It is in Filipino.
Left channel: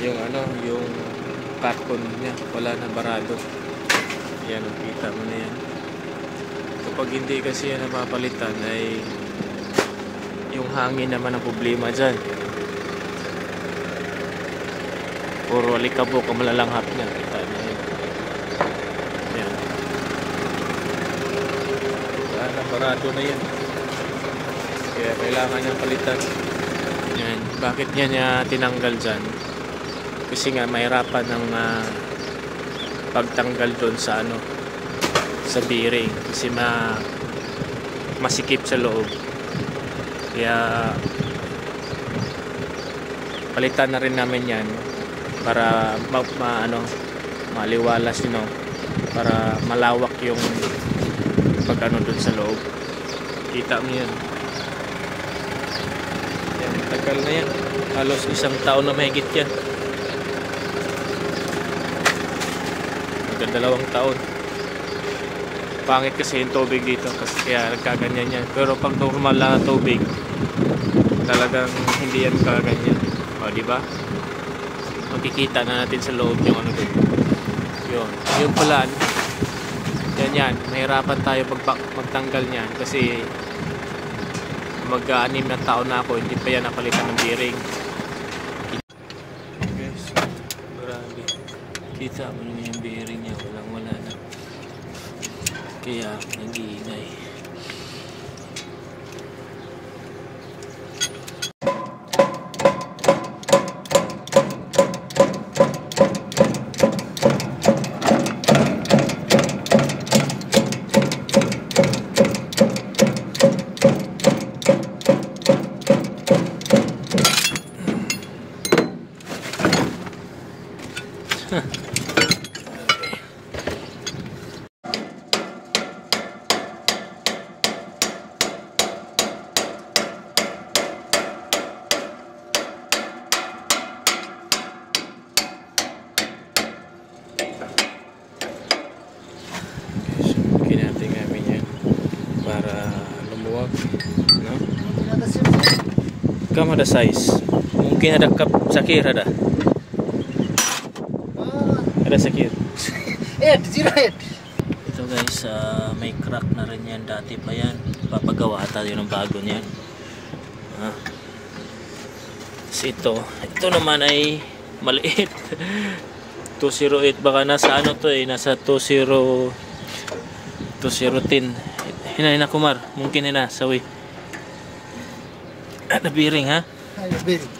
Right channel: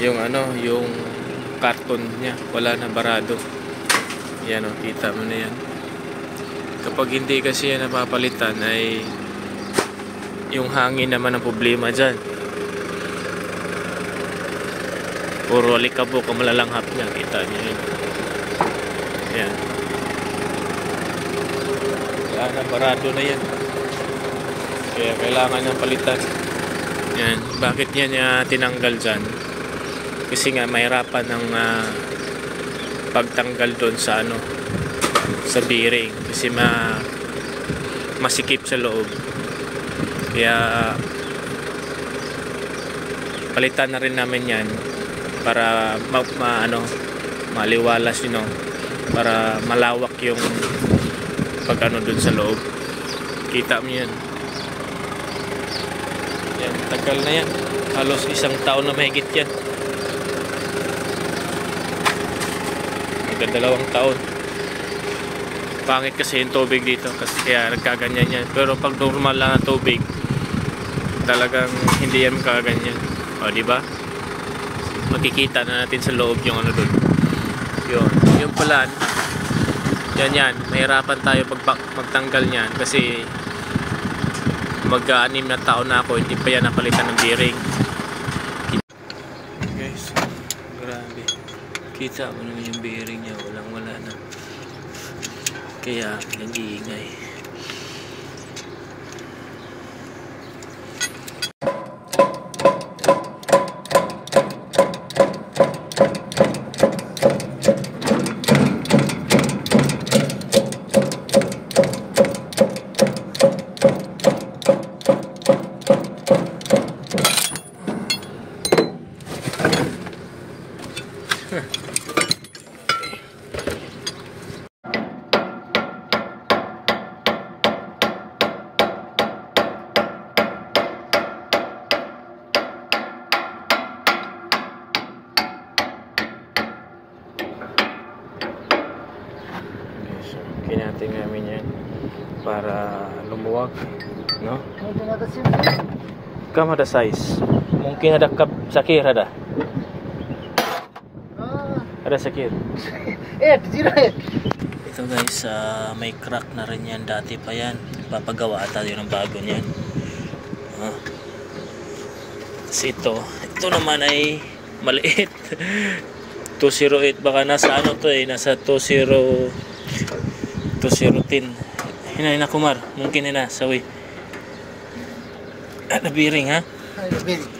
yung ano, yung carton niya, wala na, barado. Yan o, kita mo na yan. Kapag hindi kasi yan napapalitan ay yung hangin naman ang problema dyan. Puro alikabok ang malalanghap niya, kita niya yun. Yan. Wala na, barado na yan. Kaya kailangan ng palitan. Yan. Bakit niya tinanggal dyan? Kasi nga mahirapan ng pagtanggal doon sa ano, sa bearing. Kasi masikip sa loob. Kaya palitan na rin namin yan para maliwalas, you know, para malawak yung pag ano doon sa loob. Kita mo yan. Yan, tagal na yan. Halos 1 taon na mahigit yan. Hanggang 2 taon. Pangit kasi yung tubig dito, kasi kaya nagkaganyan yan. Pero pag normal lang na tubig, talagang hindi yan magkaganyan. O, di ba? Makikita na natin sa loob yung ano doon. Yun. Yung pala, yan. Mahirapan tayo pag magtanggal niyan kasi mag-6 na taon na ako, hindi pa yan napalitan ng bearing. Guys, grabe. Kita mo naman yung bearing niya, walang-wala na. Kaya nag-iingay. Natin namin yan para lumuwag, no? Kam ada size, mungkin ada cup sakir ada sakir. Ito guys, may crack na rin yan, dati pa yan, papagawa ata yun ng bago niyan. Kasi ito naman ay maliit. 208, baka nasa ano to eh, nasa 210. Hina kumar, mungkin hina sawi. Ada bearing ha? Ada bearing.